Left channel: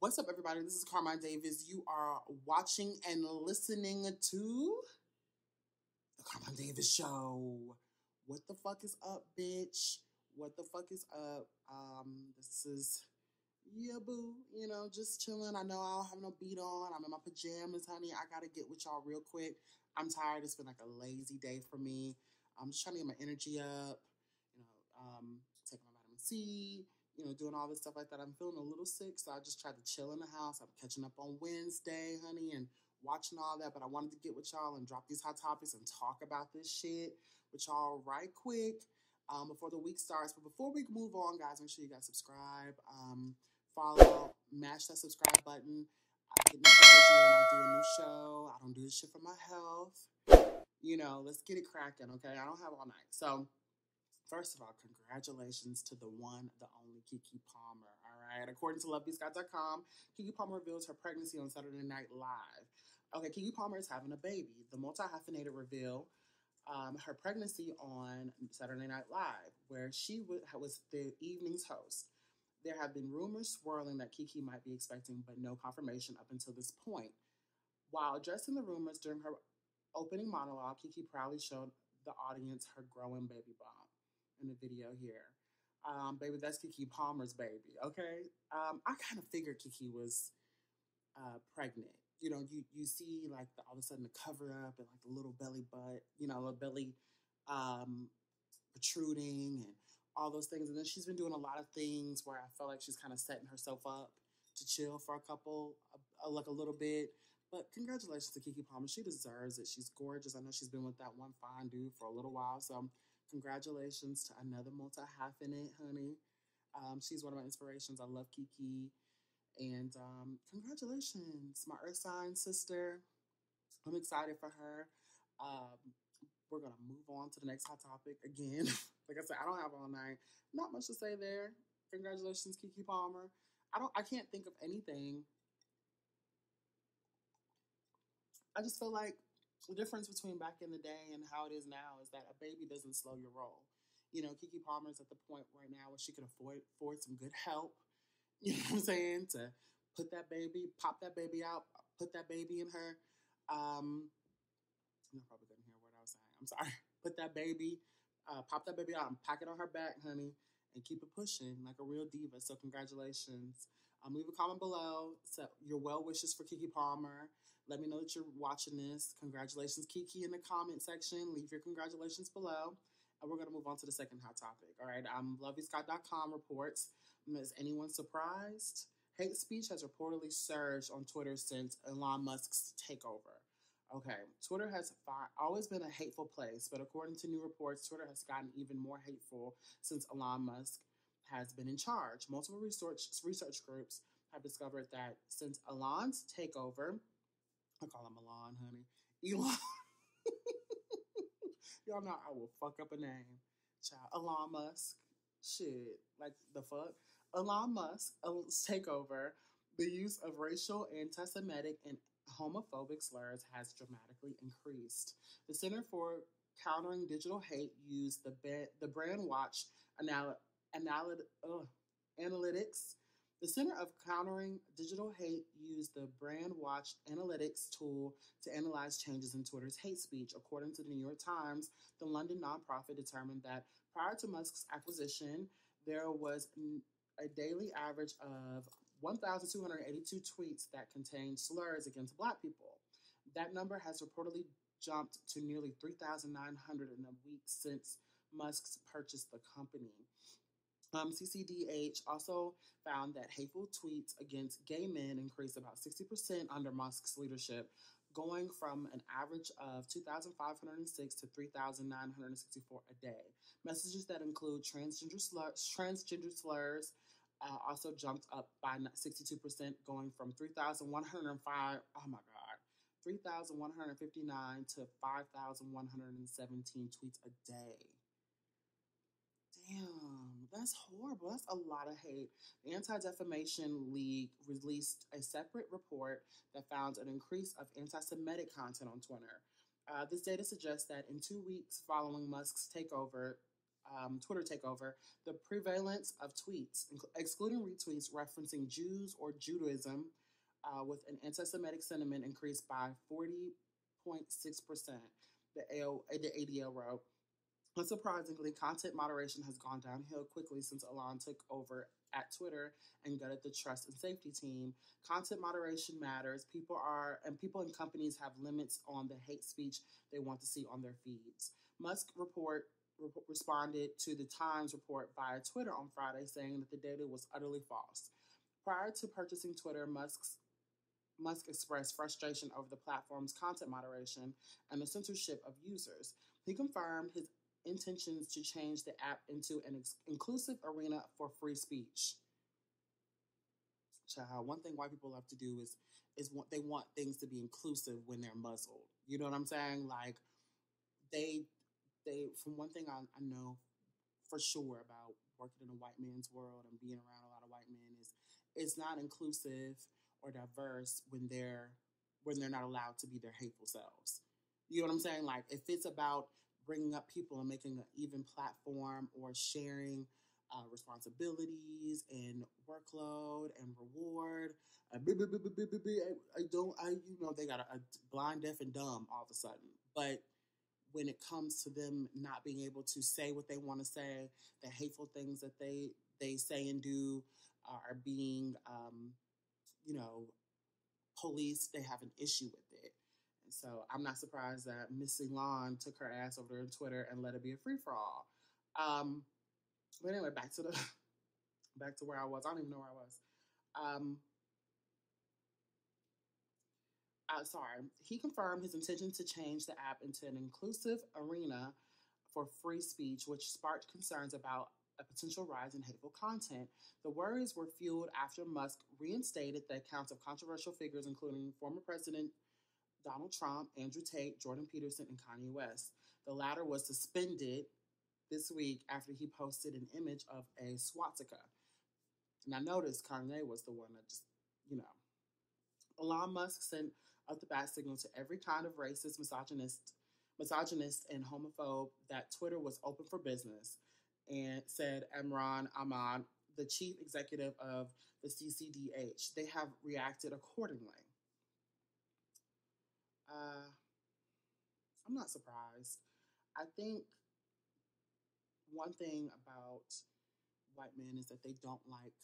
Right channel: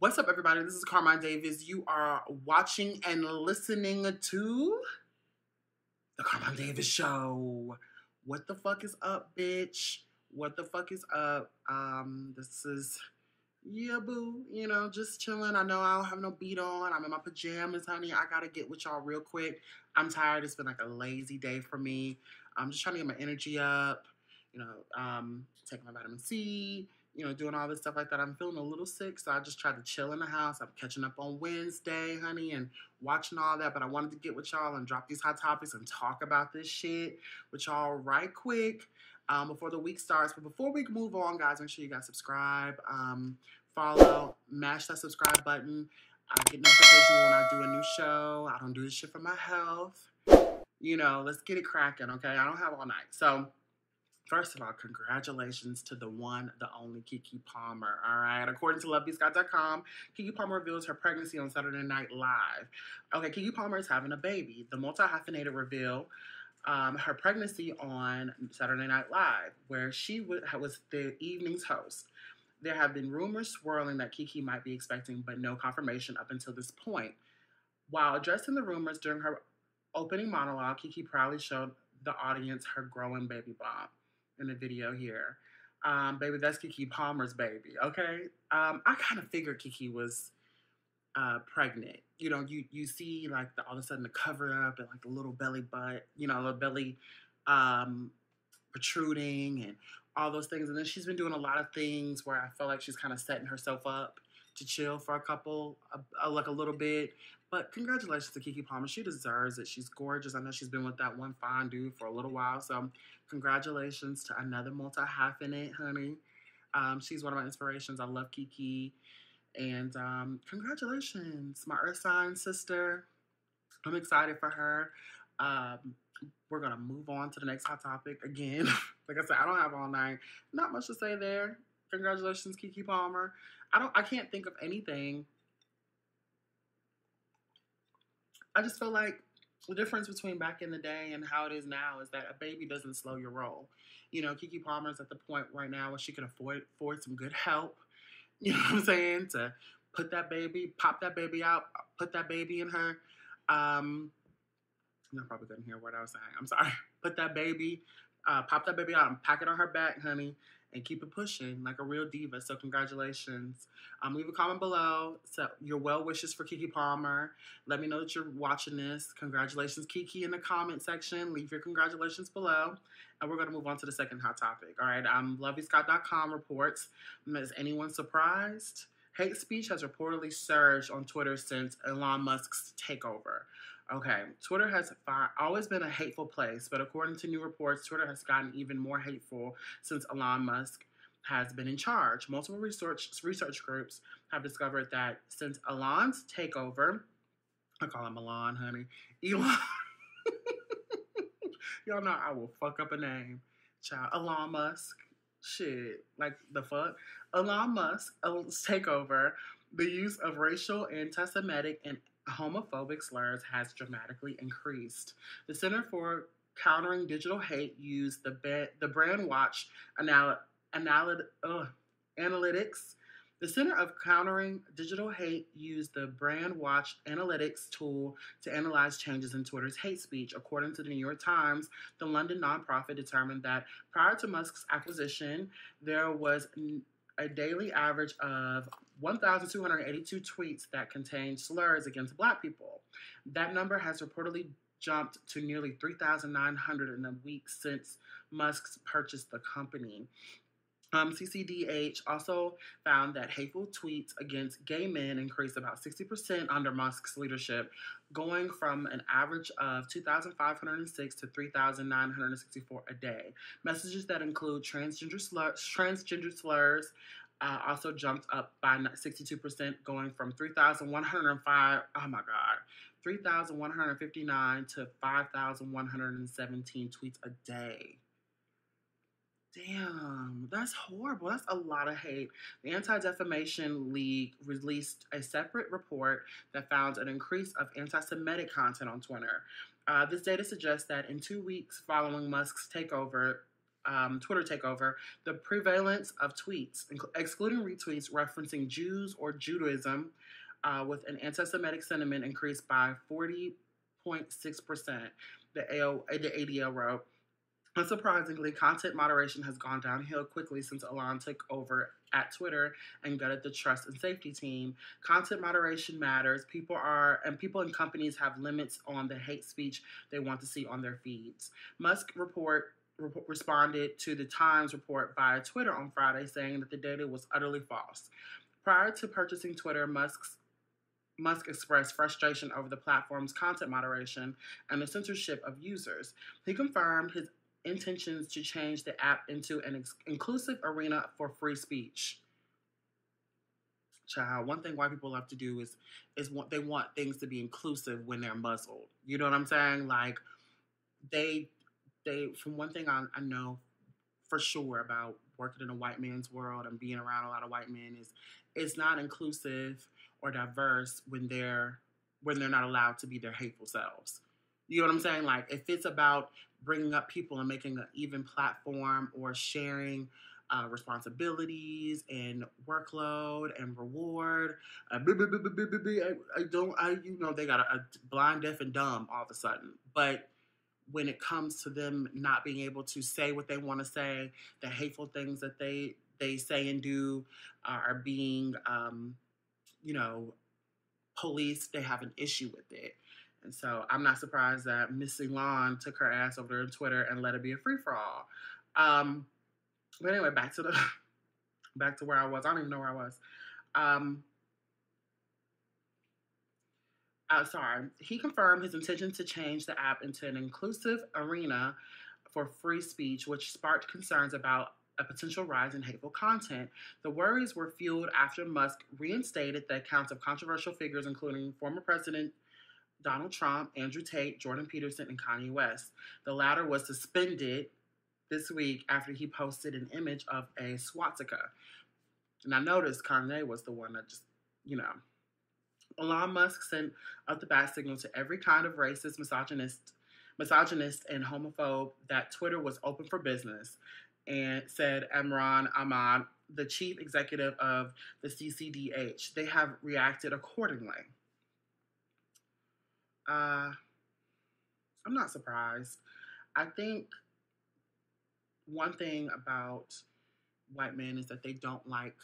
What's up, everybody? This is Carmine Davis. You are watching and listening to The Carmine Davis Show. What the fuck is up, bitch? What the fuck is up? This is, yeah, boo. Just chilling. I know I don't have no beat on. I'm in my pajamas, honey. I gotta get with y'all real quick. I'm tired. It's been like a lazy day for me. I'm just trying to get my energy up. Taking my vitamin C. Doing all this stuff like that. I'm feeling a little sick, so I just tried to chill in the house. I'm catching up on Wednesday, honey, and watching all that. But I wanted to get with y'all and drop these hot topics and talk about this shit with y'all right quick before the week starts. But before we move on, guys, make sure you guys subscribe, follow, mash that subscribe button. I get notifications when I do a new show. I don't do this shit for my health. Let's get it cracking, okay? I don't have all night. So, first of all, congratulations to the one, the only Keke Palmer, all right? According to LoveBeScott.com, Keke Palmer reveals her pregnancy on Saturday Night Live. Okay, Keke Palmer is having a baby. The multi-hyphenated reveal her pregnancy on Saturday Night Live, where she was the evening's host. There have been rumors swirling that Keke might be expecting, but no confirmation up until this point. While addressing the rumors during her opening monologue, Keke proudly showed the audience her growing baby bump in the video here. Baby, that's Keke Palmer's baby, okay? I kind of figured Keke was pregnant. You see like all of a sudden the cover up and like the little belly butt, little belly protruding and all those things. And then she's been doing a lot of things where I feel like she's kind of setting herself up to chill for like a little bit. But congratulations to Keke Palmer. She deserves it. She's gorgeous. I know she's been with that one fine dude for a little while. So congratulations to another multi-hyphenate, honey. She's one of my inspirations. I love Keke. And congratulations, my Earth sign sister. I'm excited for her. We're going to move on to the next hot topic again. Like I said, I don't have all night. Not much to say there. Congratulations, Keke Palmer. I can't think of anything. I just feel like the difference between back in the day and how it is now is that a baby doesn't slow your roll. Keke Palmer's at the point right now where she can afford some good help. You know what I'm saying? To pop that baby out, put that baby in her. You probably couldn't hear what I was saying. I'm sorry. Put that baby, pop that baby out and pack it on her back, honey, and keep it pushing like a real diva. So congratulations. Leave a comment below. So your well wishes for Keke Palmer. Let me know that you're watching this. Congratulations, Keke, in the comment section. Leave your congratulations below. And we're going to move on to the second hot topic. All right. LoveBeScott.com reports. Is anyone surprised? Hate speech has reportedly surged on Twitter since Elon Musk's takeover. Okay, Twitter has always been a hateful place, but according to new reports, Twitter has gotten even more hateful since Elon Musk has been in charge. Multiple research groups have discovered that since Elon's takeover, I call him Elon, honey. Elon. Y'all know I will fuck up a name. Child. Elon Musk. Shit. Like the fuck? Elon Musk's takeover, the use of racial, anti-Semitic, and homophobic slurs has dramatically increased. The Center for Countering Digital Hate used the Brand Watch analytics. The Center of Countering Digital Hate used the Brand Watch analytics tool to analyze changes in Twitter's hate speech. According to the New York Times, the London nonprofit determined that prior to Musk's acquisition, there was a daily average of 1,282 tweets that contained slurs against Black people. That number has reportedly jumped to nearly 3,900 in the week since Musk's purchased the company. CCDH also found that hateful tweets against gay men increased about 60% under Musk's leadership, going from an average of 2,506 to 3,964 a day. Messages that include transgender slurs also jumped up by 62%, going from 3,105, 3,159 to 5,117 tweets a day. Damn, that's horrible. That's a lot of hate. The Anti-Defamation League released a separate report that found an increase of anti-Semitic content on Twitter. This data suggests that in 2 weeks following Musk's takeover, Twitter takeover, the prevalence of tweets, excluding retweets referencing Jews or Judaism, with an anti-Semitic sentiment increased by 40.6%. The ADL wrote. Unsurprisingly, content moderation has gone downhill quickly since Elon took over at Twitter and gutted the trust and safety team. Content moderation matters. People and companies have limits on the hate speech they want to see on their feeds. Responded to the Times report via Twitter on Friday, saying that the data was utterly false. Prior to purchasing Twitter, Musk expressed frustration over the platform's content moderation and the censorship of users. He confirmed his intentions to change the app into an inclusive arena for free speech. Child, one thing white people love to do is they want things to be inclusive when they're muzzled. You know what I'm saying? Like they from one thing I know for sure about working in a white man's world and being around a lot of white men is it's not inclusive or diverse when they're not allowed to be their hateful selves. You know what I'm saying? Like if it's about bringing up people and making an even platform or sharing responsibilities and workload and reward. They got a blind, deaf, and dumb all of a sudden. But when it comes to them not being able to say what they want to say, the hateful things that they say and do are being, policed, they have an issue with it. And so I'm not surprised that Miss Elon took her ass over there on Twitter and let it be a free for all. But anyway, back to where I was. I don't even know where I was. Sorry. He confirmed his intention to change the app into an inclusive arena for free speech, which sparked concerns about a potential rise in hateful content. The worries were fueled after Musk reinstated the accounts of controversial figures, including former President Donald Trump, Andrew Tate, Jordan Peterson, and Kanye West. The latter was suspended this week after he posted an image of a swastika. And I noticed Kanye was the one that just, Elon Musk sent up the bat signal to every kind of racist, misogynist, and homophobe that Twitter was open for business, and said Imran Ahmad, the chief executive of the CCDH. They have reacted accordingly. I'm not surprised. I think one thing about white men is that they don't like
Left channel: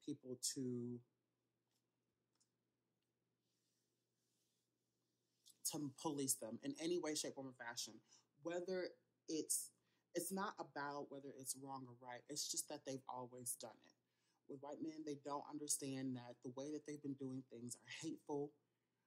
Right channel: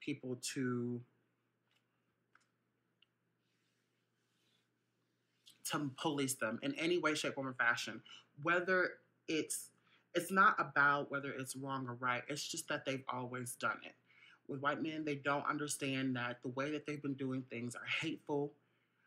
people to police them in any way, shape, form, or fashion. Whether it's not about whether it's wrong or right. It's just that they've always done it. With white men, they don't understand that the way that they've been doing things are hateful.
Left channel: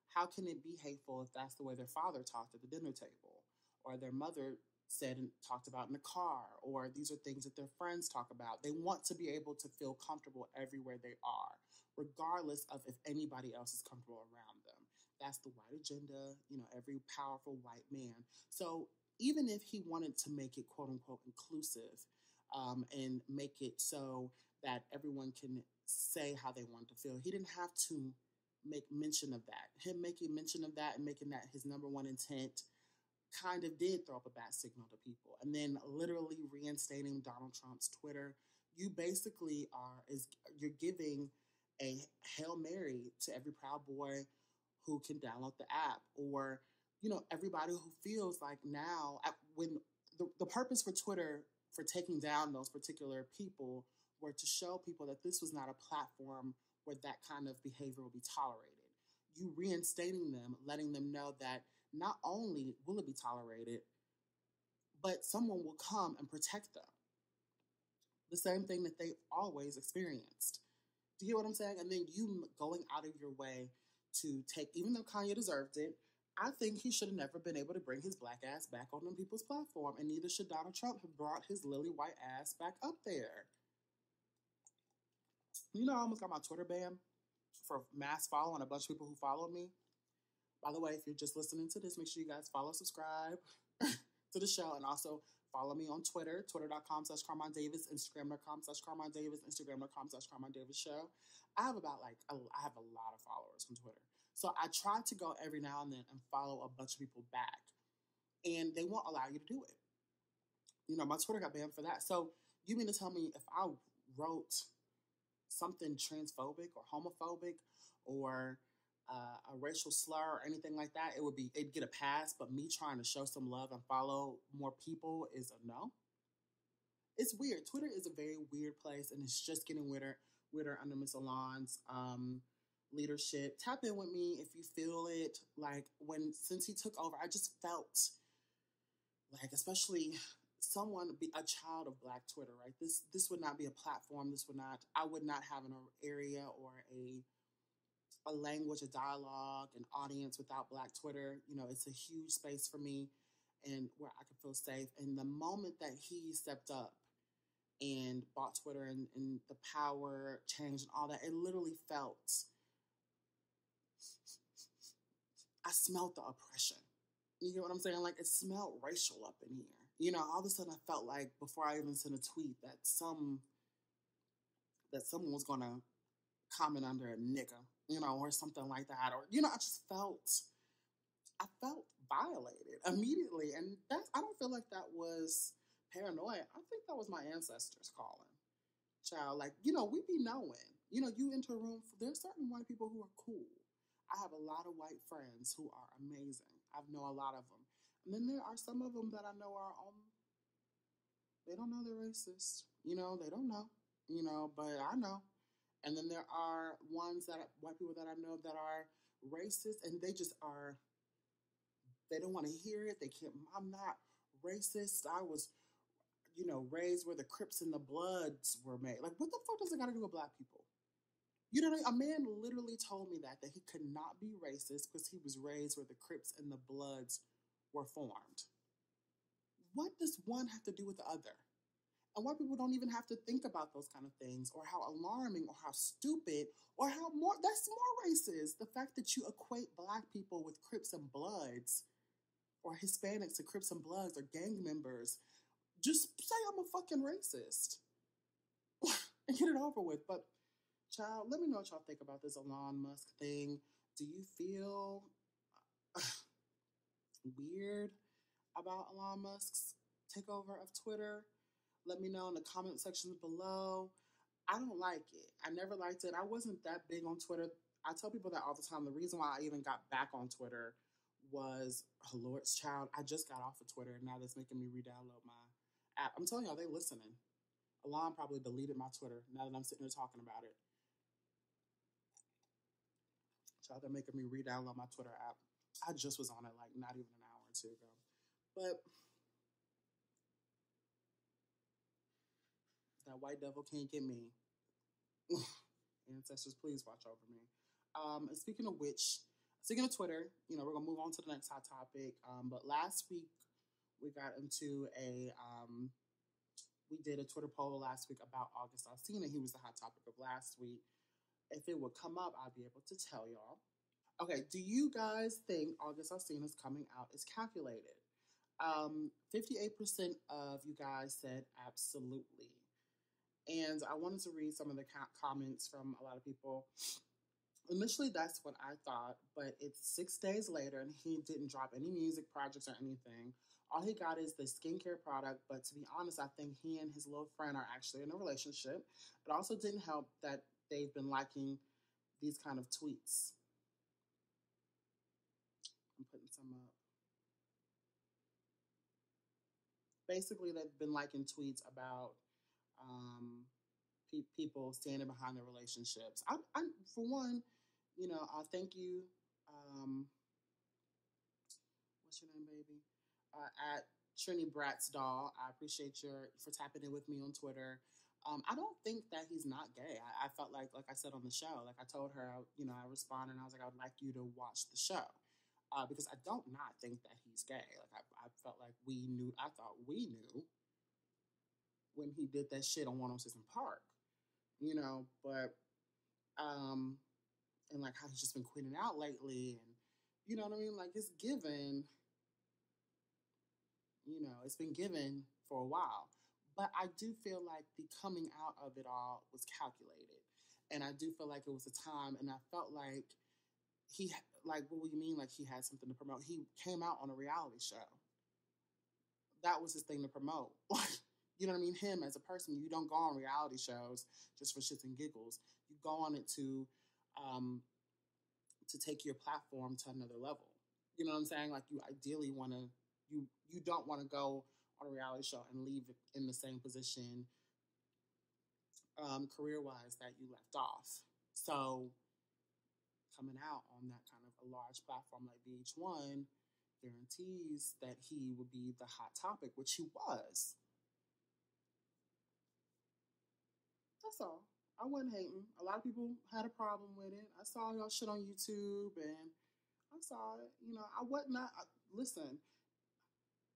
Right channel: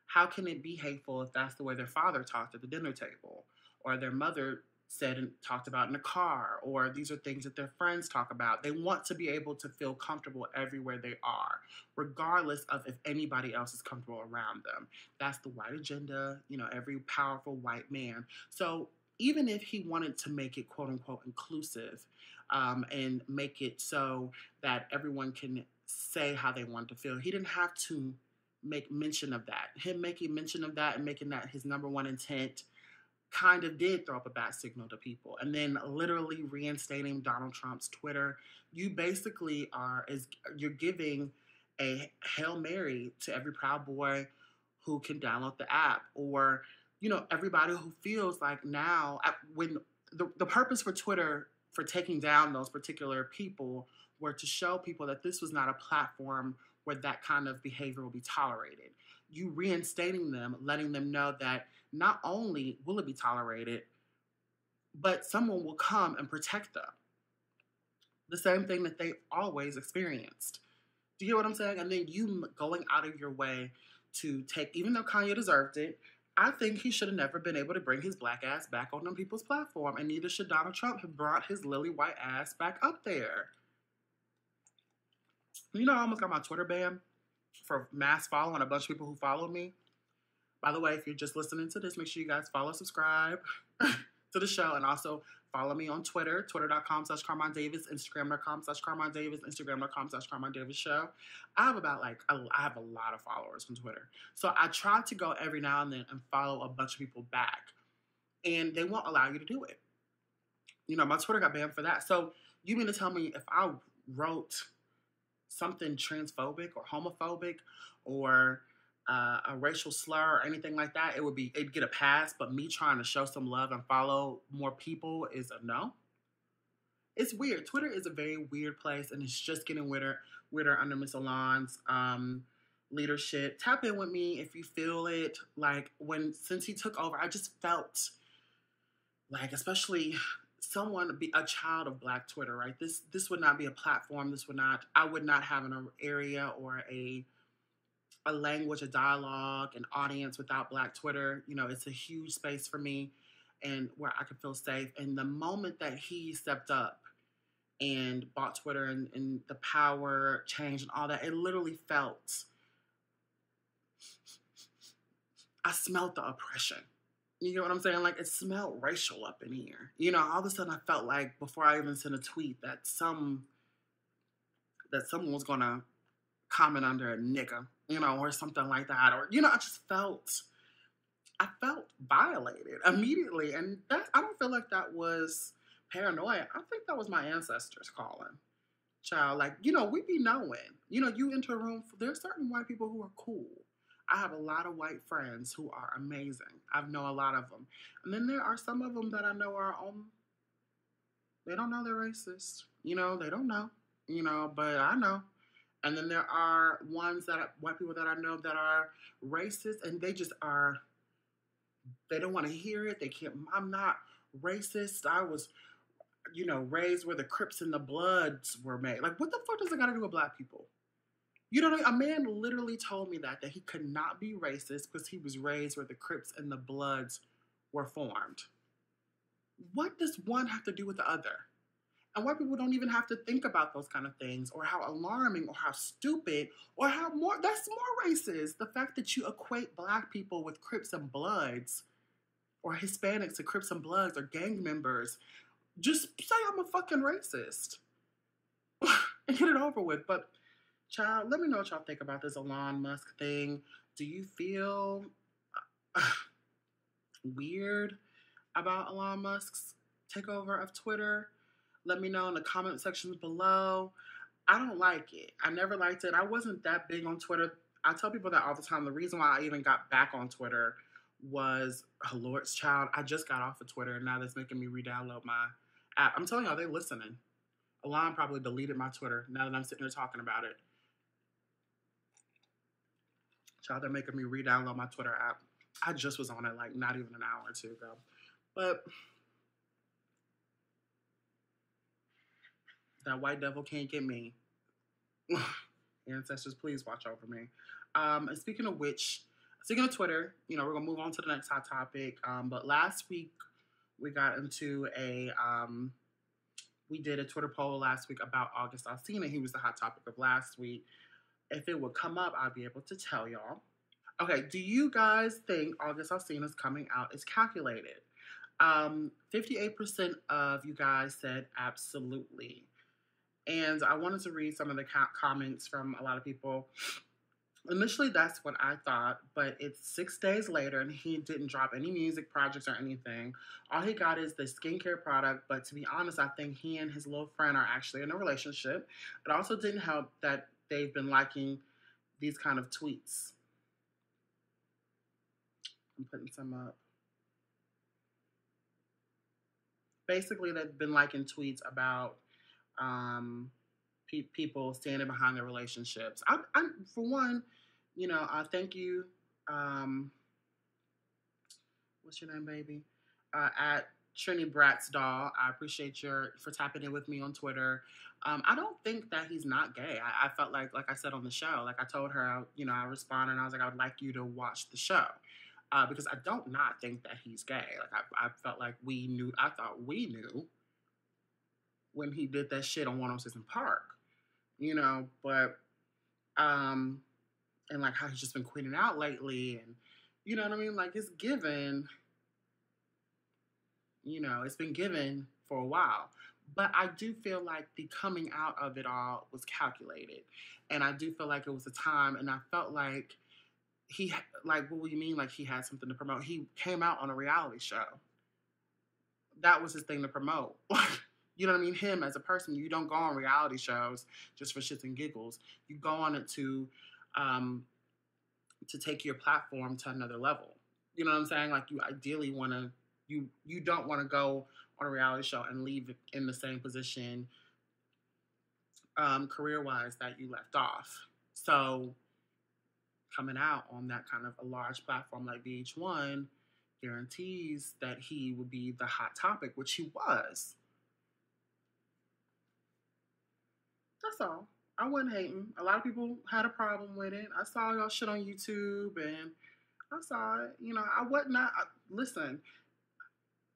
How can it be hateful if that's the way their father talked at the dinner table, or their mother said and talked about in the car, or these are things that their friends talk about? They want to be able to feel comfortable everywhere they are, regardless of if anybody else is comfortable around them. That's the white agenda, every powerful white man. So even if he wanted to make it quote unquote inclusive, and make it so that everyone can say how they want to feel, he didn't have to make mention of that. Him making mention of that and making that his number one intent kind of did throw up a bad signal to people. And then literally reinstating Donald Trump's Twitter, you basically you're giving a Hail Mary to every Proud Boy who can download the app, or, everybody who feels like now, when the purpose for Twitter for taking down those particular people were to show people that this was not a platform where that kind of behavior will be tolerated. You reinstating them, letting them know that not only will it be tolerated, but someone will come and protect them. The same thing that they always experienced. Do you hear what I'm saying? And then you going out of your way to take, even though Kanye deserved it, I think he should have never been able to bring his black ass back on them people's platform, and neither should Donald Trump have brought his lily white ass back up there. I almost got my Twitter banned for mass following a bunch of people who follow me. By the way, if you're just listening to this, make sure you guys follow, subscribe to the show, and also follow me on Twitter, twitter.com/Carmine Davis, Instagram.com/Carmine Davis, Instagram.com/Carmine Davis Show. I have I have a lot of followers from Twitter. So I try to go every now and then and follow a bunch of people back, and they won't allow you to do it. My Twitter got banned for that. So you mean to tell me if I wrote something transphobic or homophobic or a racial slur or anything like that, it'd get a pass. But me trying to show some love and follow more people is a no. It's weird. Twitter is a very weird place, and it's just getting weirder under Miss Elon's leadership. Tap in with me if you feel it. Like since he took over, I just felt like, especially someone be a child of Black Twitter, right? This would not be a platform. I would not have an area or a language, a dialogue, an audience without Black Twitter. It's a huge space for me and where I could feel safe. And the moment that he stepped up and bought Twitter and the power change and all that, it literally felt, I smelled the oppression. You know what I'm saying? Like, it smelled racial up in here. All of a sudden I felt like before I even sent a tweet that someone was gonna comment under a nigga, or something like that. Or, I felt violated immediately. And I don't feel like that was paranoia. I think that was my ancestors calling. Child, like, we be knowing. You enter a room, there's certain white people who are cool. I have a lot of white friends who are amazing. I know a lot of them. And then there are some of them that I know are they don't know they're racist. They don't know. But I know. And then there are white people that I know that are racist, and they just are, they don't want to hear it. They can't, I'm not racist. I was, raised where the Crips and the Bloods were made. Like, what the fuck does it got to do with Black people? A man literally told me that he could not be racist because he was raised where the Crips and the Bloods were formed. What does one have to do with the other? And white people don't even have to think about those kind of things, or how alarming or how stupid or how that's more racist. The fact that you equate Black people with Crips and Bloods, or Hispanics to Crips and Bloods, or gang members. Just say I'm a fucking racist and get it over with. But child, let me know what y'all think about this Elon Musk thing. Do you feel weird about Elon Musk's takeover of Twitter? Let me know in the comment sections below. I don't like it. I never liked it. I wasn't that big on Twitter. I tell people that all the time. The reason why I even got back on Twitter was, oh Lord's child, I just got off of Twitter, and now that's making me re-download my app. I'm telling y'all, they're listening. Elon probably deleted my Twitter now that I'm sitting here talking about it. Child, they're making me re-download my Twitter app. I just was on it like not even an hour or two ago. But that white devil can't get me. Ancestors, please watch over me. And speaking of Twitter, we're going to move on to the next hot topic. But last week, we got into we did a Twitter poll last week about August Alsina. He was the hot topic of last week. If it would come up, I'll be able to tell y'all. Okay, do you guys think August Alsina's coming out is calculated? 58% of you guys said absolutely. And I wanted to read some of the comments from a lot of people. Initially, that's what I thought, but it's 6 days later and he didn't drop any music projects or anything. All he got is the skincare product, but to be honest, I think he and his little friend are actually in a relationship. It also didn't help that they've been liking these kind of tweets. I'm putting some up. Basically, they've been liking tweets about people standing behind their relationships. I for one, I thank you. What's your name, baby? At Trini Bratz Doll. I appreciate for tapping in with me on Twitter. I don't think that he's not gay. I felt like I said on the show, like I told her, I responded and I was like, I would like you to watch the show. Because I don't not think that he's gay. Like I felt like I thought we knew when he did that shit on 106 in Park. But and like how he's just been queening out lately, and you know what I mean? Like it's given, it's been given for a while. But I do feel like the coming out of it all was calculated. And I do feel like it was a time, and I felt like what do you mean? Like he had something to promote? He came out on a reality show. that was his thing to promote. You know what I mean? Him as a person, you don't go on reality shows just for shits and giggles. You go on it um, to take your platform to another level. You know what I'm saying? Like you ideally want to, you don't want to go on a reality show and leave in the same position career wise that you left off. So coming out on that kind of a large platform like VH1 guarantees that he would be the hot topic, which he was. That's all. I wasn't hating. A lot of people had a problem with it. I saw y'all shit on YouTube and I saw it. You know, I wasn't. Listen,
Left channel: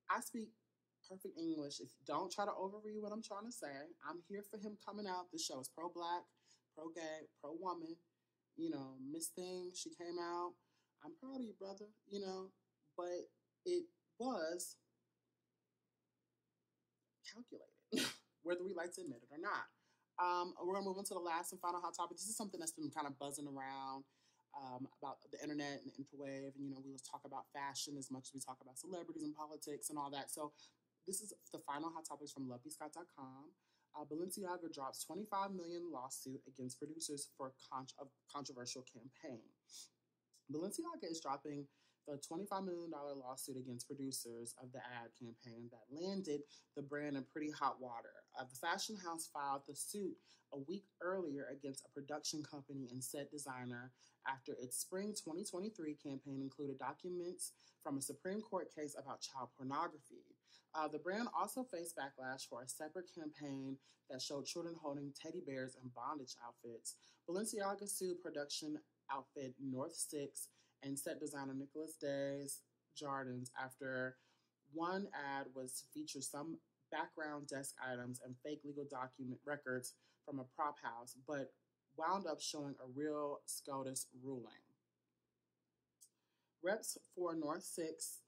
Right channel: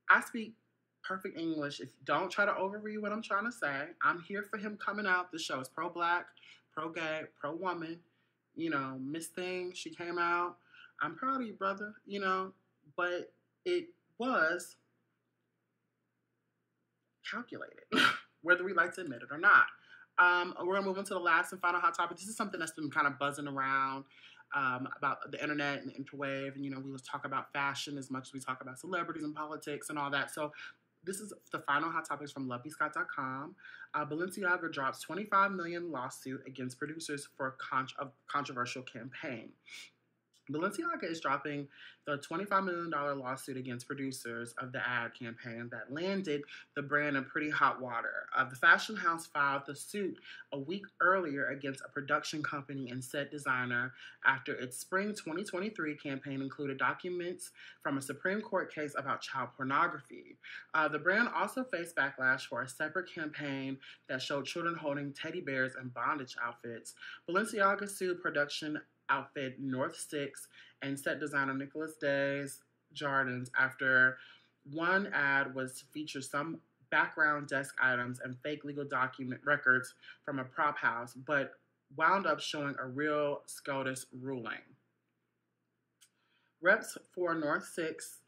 I speak perfect English. If don't try to overread what I'm trying to say, I'm here for him coming out. The show is pro black, pro gay, pro woman. You know, Miss Thing, she came out. I'm proud of you, brother. You know, but it was calculated, whether we like to admit it or not. We're gonna move into the last and final hot topic. This is something that's been kind of buzzing around about the internet and the interwave, and you know, we let's talk about fashion as much as we talk about celebrities and politics and all that. So, this is the final hot topics from lovebescott.com. Balenciaga drops 25 million lawsuit against producers for a controversial campaign. Balenciaga is dropping the $25 million lawsuit against producers of the ad campaign that landed the brand in pretty hot water. The fashion house filed the suit a week earlier against a production company and set designer after its spring 2023 campaign included documents from a Supreme Court case about child pornography. The brand also faced backlash for a separate campaign that showed children holding teddy bears and bondage outfits. Balenciaga sued production outfit North Six and set designer Nicholas Days Jardins after one ad was to feature some background desk items and fake legal document records from a prop house, but wound up showing a real SCOTUS ruling. Reps for North Six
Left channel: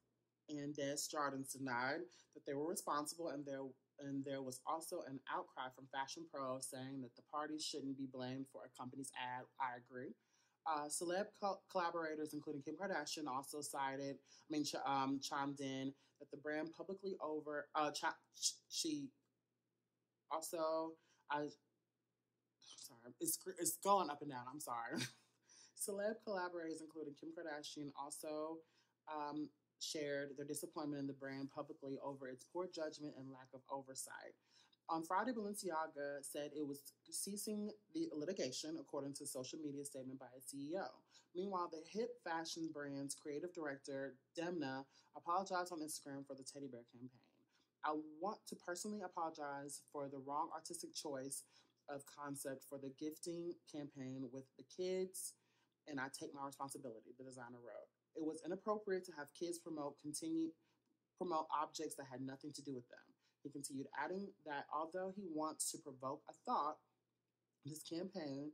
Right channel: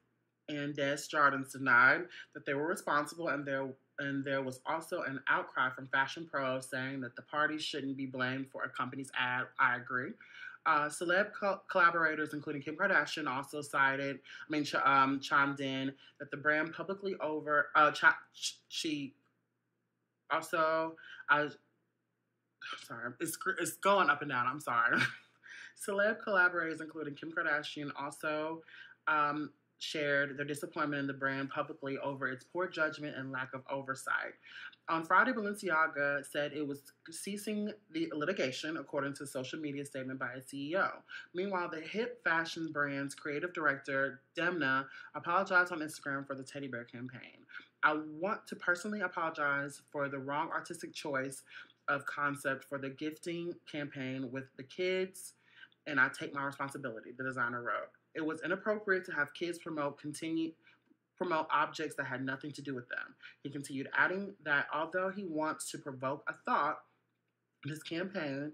and Des Jardins denied that they were responsible, and there was also an outcry from fashion pros saying that the parties shouldn't be blamed for a company's ad. I agree. Celeb collaborators, including Kim Kardashian, also chimed in that the brand publicly she also, sorry, it's going up and down. I'm sorry. Celeb collaborators, including Kim Kardashian, also shared their disappointment in the brand publicly over its poor judgment and lack of oversight. On Friday, Balenciaga said it was ceasing the litigation, according to a social media statement by its CEO. Meanwhile, the hip fashion brand's creative director, Demna, apologized on Instagram for the teddy bear campaign. I want to personally apologize for the wrong artistic choice of concept for the gifting campaign with the kids, and I take my responsibility, the designer wrote. It was inappropriate to have kids promote objects that had nothing to do with them. He continued, adding that although he wants to provoke a thought, this campaign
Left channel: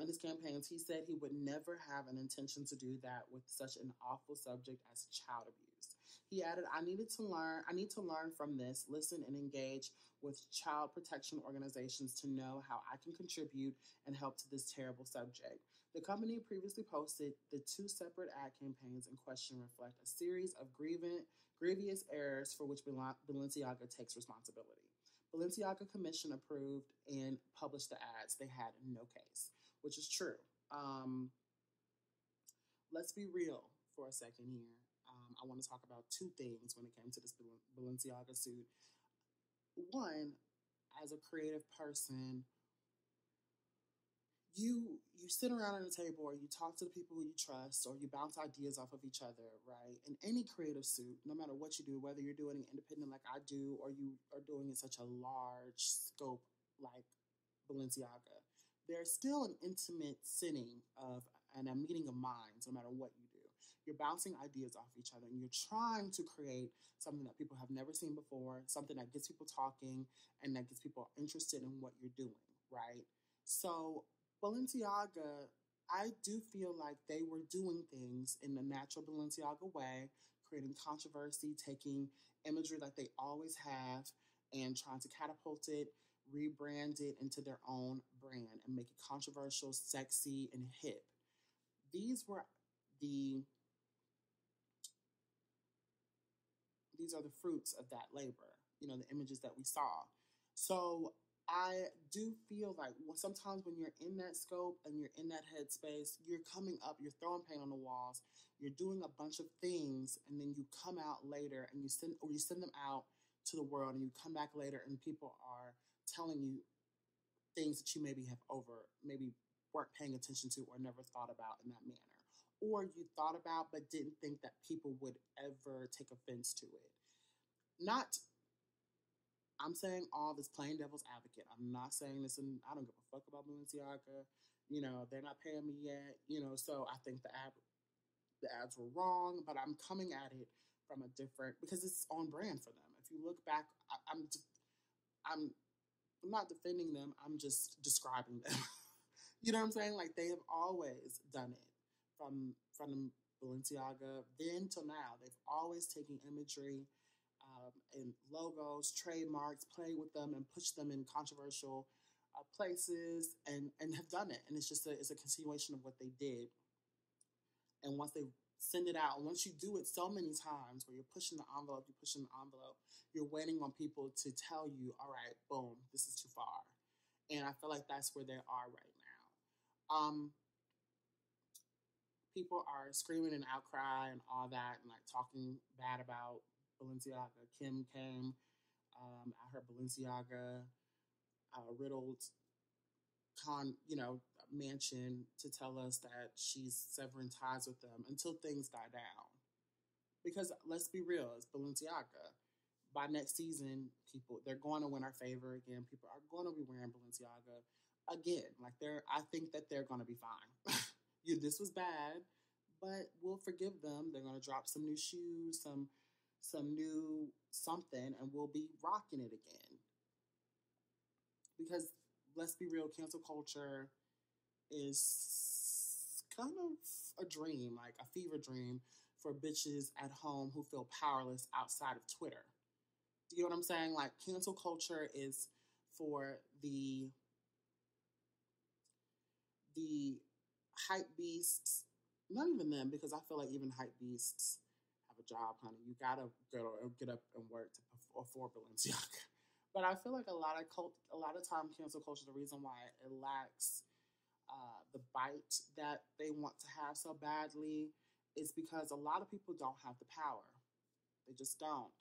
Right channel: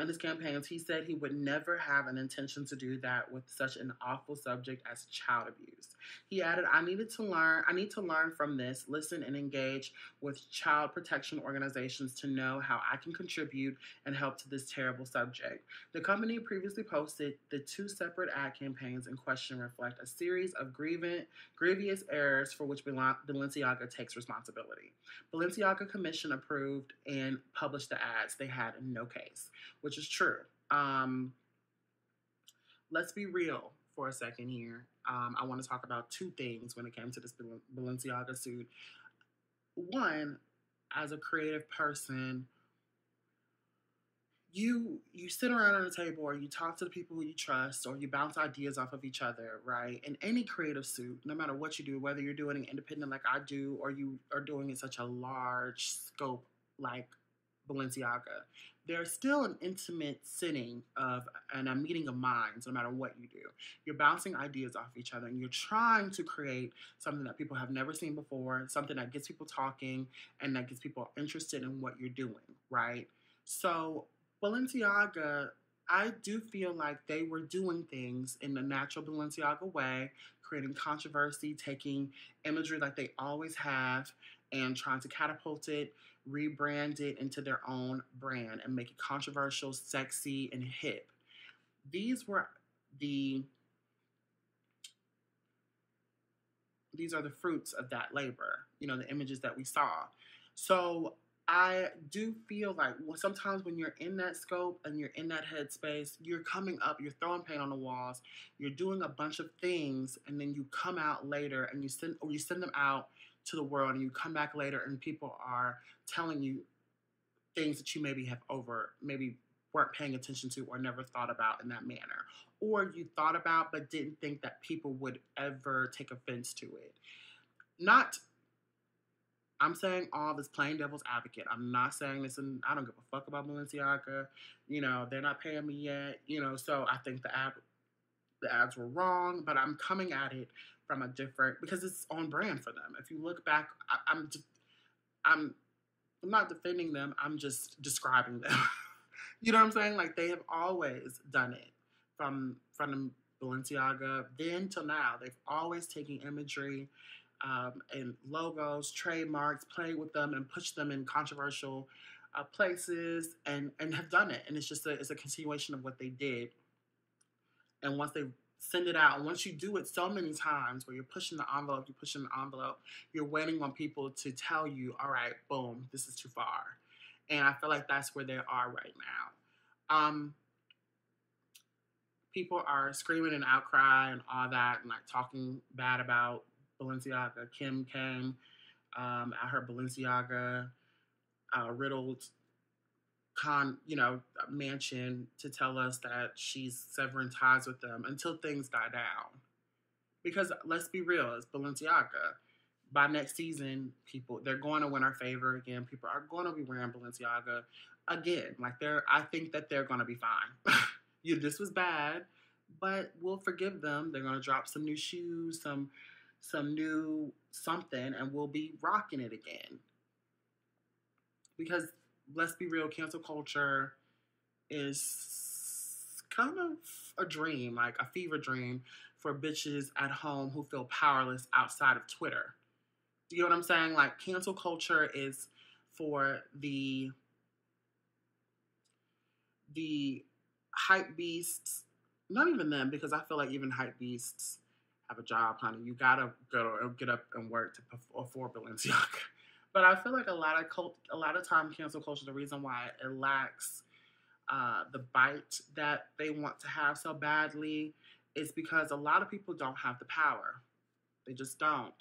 in his campaigns, he said he would never have an intention to do that with such an awful subject as child abuse. He added, I need to learn from this, listen and engage with child protection organizations to know how I can contribute and help to this terrible subject. The company previously posted the two separate ad campaigns in question reflect a series of grievous errors for which Balenciaga takes responsibility. Balenciaga commission approved and published the ads. They had no case, which is true. Let's be real for a second here. I want to talk about two things when it came to this Balenciaga suit. One, as a creative person, you sit around on a table or you talk to the people who you trust or you bounce ideas off of each other, right? In any creative suit, no matter what you do, whether you're doing it independent like I do or you are doing it such a large scope like Balenciaga, there's still an intimate sitting and a meeting of minds no matter what you do. You're bouncing ideas off each other and you're trying to create something that people have never seen before, something that gets people talking and that gets people interested in what you're doing, right? So Balenciaga, I do feel like they were doing things in the natural Balenciaga way, creating controversy, taking imagery like they always have and trying to catapult it, rebrand it into their own brand and make it controversial, sexy, and hip. These were the these are the fruits of that labor, the images that we saw. So I do feel like sometimes when you're in that scope and you're in that headspace, you're coming up, you're throwing paint on the walls, you're doing a bunch of things, and then you come out later and you send them out to the world, and you come back later and people are telling you things that you maybe weren't paying attention to or never thought about in that manner. Or you thought about but didn't think that people would ever take offense to it. Not, I'm saying all this plain devil's advocate. I'm not saying this, and I don't give a fuck about Balenciaga. They're not paying me yet. So I think the ads were wrong, but I'm coming at it from a different, because it's on brand for them. If you look back, I'm not defending them. I'm just describing them. You know what I'm saying? Like, they have always done it from Balenciaga then till now. They've always taken imagery and logos, trademarks, played with them and pushed them in controversial places and have done it. And it's a continuation of what they did. And once they send it out, and once you do it so many times where you're pushing the envelope, you're waiting on people to tell you, all right, boom, this is too far. And I feel like that's where they are right now. People are screaming and outcry and all that, and like talking bad about Balenciaga. Kim came at her Balenciaga riddled mansion to tell us that she's severing ties with them until things die down. Because let's be real, it's Balenciaga. By next season, they're going to win our favor again. People are going to be wearing Balenciaga again. I think that they're going to be fine. This was bad, but we'll forgive them. They're going to drop some new shoes, some new something, and we'll be rocking it again. Because let's be real, cancel culture is kind of a dream, like a fever dream for bitches at home who feel powerless outside of Twitter. Do you know what I'm saying? Like, cancel culture is for the hype beasts. Not even them, because I feel like even hype beasts have a job, honey. You gotta get up and work to afford Balenciaga. But I feel like a lot of time cancel culture, the reason why it lacks the bite that they want to have so badly is because a lot of people don't have the power. They just don't.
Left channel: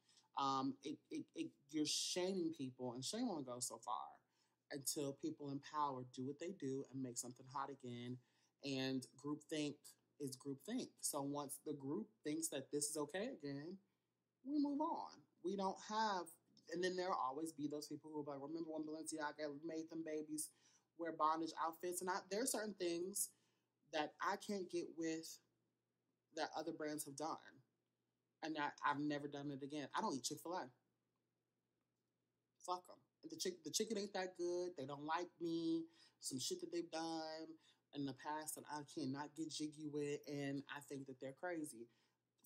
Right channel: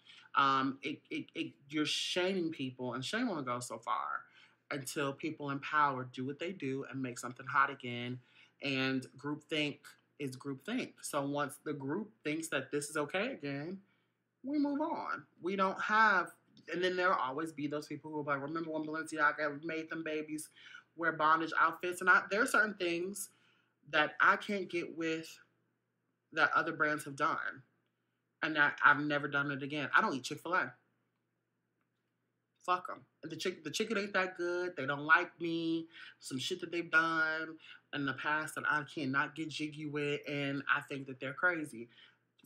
You're shaming people, and shame only goes so far until people in power do what they do and make something hot again. And groupthink is groupthink. So once the group thinks that this is okay again, we move on. We don't have, and then there'll always be those people who are like, remember when Balenciaga made them babies wear bondage outfits? And there are certain things that I can't get with that other brands have done, and that I've never done it again. I don't eat Chick-fil-A. Fuck them. The chicken ain't that good. They don't like me. Some shit that they've done in the past that I cannot get jiggy with, and I think that they're crazy.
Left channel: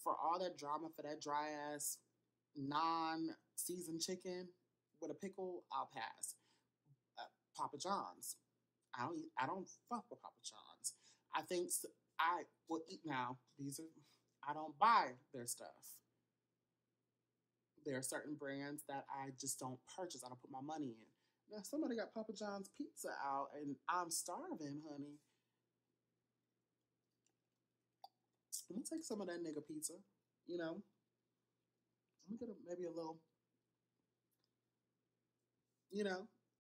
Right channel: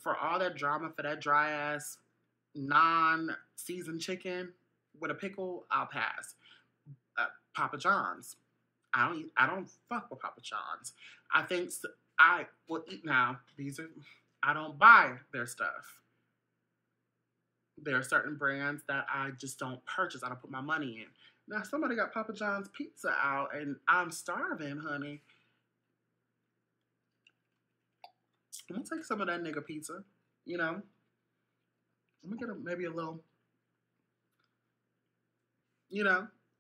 For all that drama, for that dry ass non-seasoned chicken with a pickle, I'll pass. Papa John's. I don't fuck with Papa John's. I think I will eat now. I don't buy their stuff. There are certain brands that I just don't purchase. I don't put my money in. Now, somebody got Papa John's pizza out, and I'm starving, honey. I'm going to take some of that nigga pizza, I'm going to get maybe a little,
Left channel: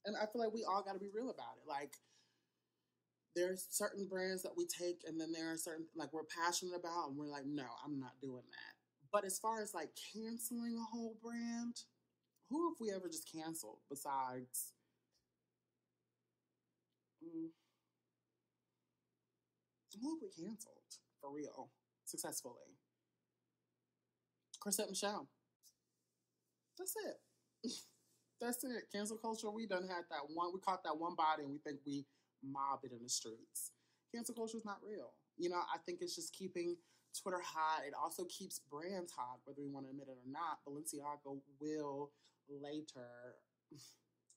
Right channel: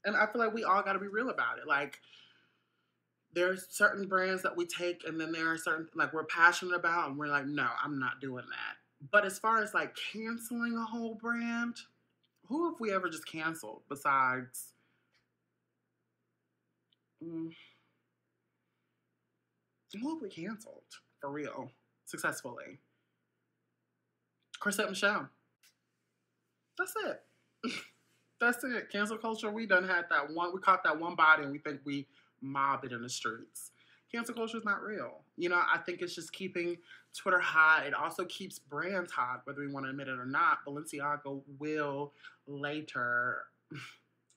And I feel like we all got to be real about it. Like, there's certain brands that we take, and then there are certain, like, we're passionate about, and we're like, no, I'm not doing that. But as far as, like, canceling a whole brand, who have we ever just canceled besides... who have we canceled, for real, successfully? Chrisette Michele. That's it. That's it. Cancel culture, we done had that one, we caught that one body, and we think we mob it in the streets. Cancel culture is not real. I think it's just keeping Twitter hot. It also keeps brands hot, whether we want to admit it or not. Balenciaga will later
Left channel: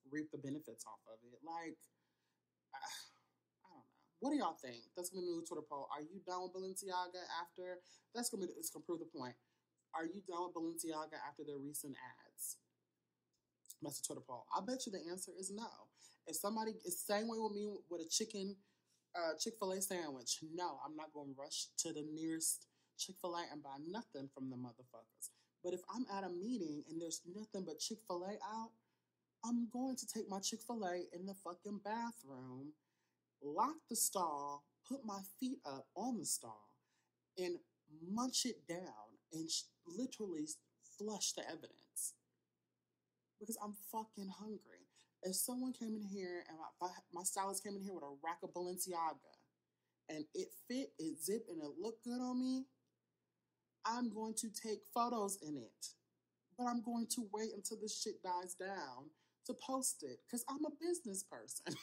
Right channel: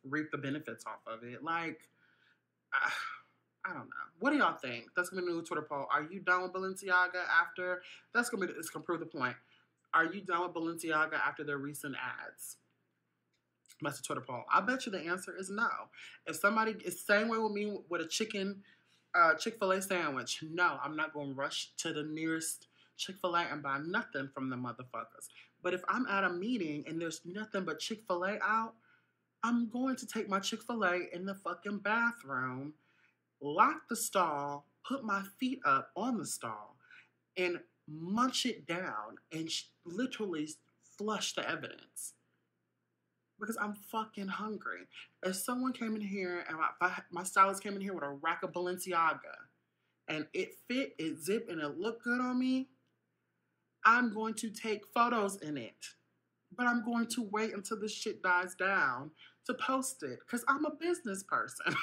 reap the benefits off of it. Like, I don't know. What do y'all think? That's going to be a new Twitter poll. Are you done with Balenciaga after? It's going to prove the point. Are you done with Balenciaga after their recent ads? That's a Twitter poll. I bet you the answer is no. If somebody is the same way with me with a Chick-fil-A sandwich, no, I'm not going to rush to the nearest Chick-fil-A and buy nothing from the motherfuckers. But if I'm at a meeting and there's nothing but Chick-fil-A out, I'm going to take my Chick-fil-A in the fucking bathroom, lock the stall, put my feet up on the stall, and munch it down and literally flush the evidence because I'm fucking hungry. If someone came in here and my stylist came in here with a rack of Balenciaga and it fit, it zipped, and it looked good on me, I'm going to take photos in it. But I'm going to wait until this shit dies down to post it because I'm a business person. And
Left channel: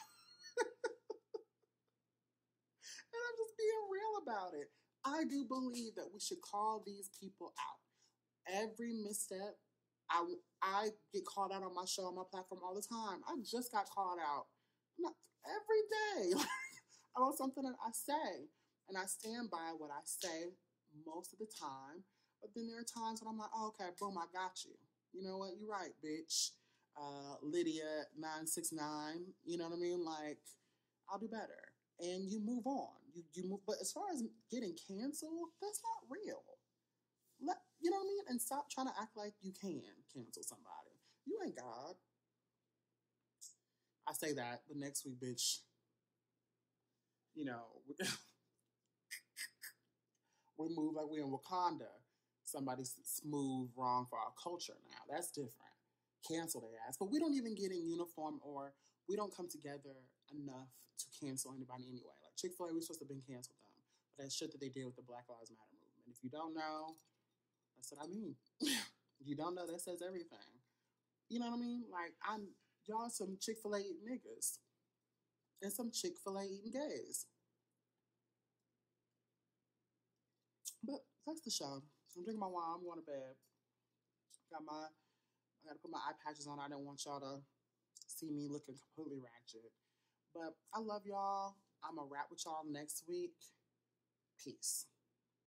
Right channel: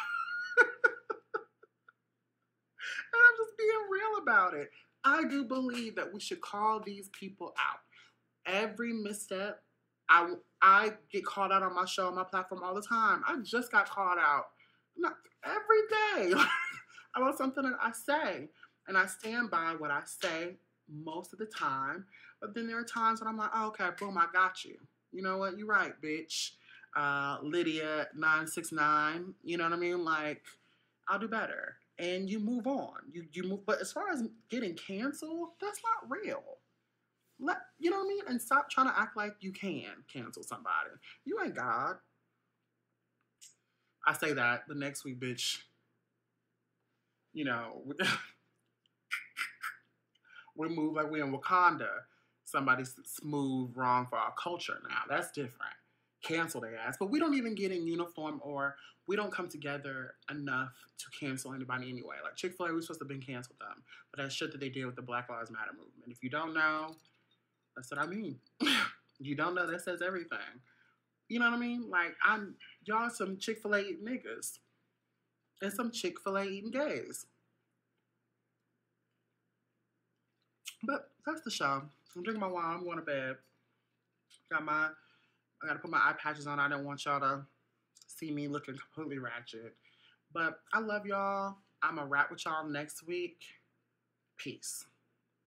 I'm just being real about it. I do believe that we should call these people out. Every misstep, I get called out on my show, on my platform all the time. I just got called out every day about something that I say. And I stand by what I say most of the time. But then there are times when I'm like, oh, okay, boom, I got you. You know what? You're right, bitch. Lydia 969. You know what I mean? Like, I'll do better. And you move on. You move. But as far as getting canceled, that's not real. You know what I mean? And stop trying to act like you can cancel somebody. You ain't God. I say that the next week, bitch. You know, we move like we in Wakanda. Somebody's smooth wrong for our culture now. That's different. Cancel their ass. But we don't even get in uniform, or we don't come together enough to cancel anybody anyway. Like Chick-fil-A, we're supposed to have been canceled them. But that shit that they did with the Black Lives Matter movement. If you don't know, that's what I mean. You don't know, that says everything. You know what I mean? Like, y'all some Chick-fil-A eating niggas. And some Chick-fil-A eating gays. But that's the show. I'm drinking my wine. I'm going to bed. I got to put my eye patches on. I don't want y'all to see me looking completely ratchet. But I love y'all. I'm going to rap with y'all next week. Peace.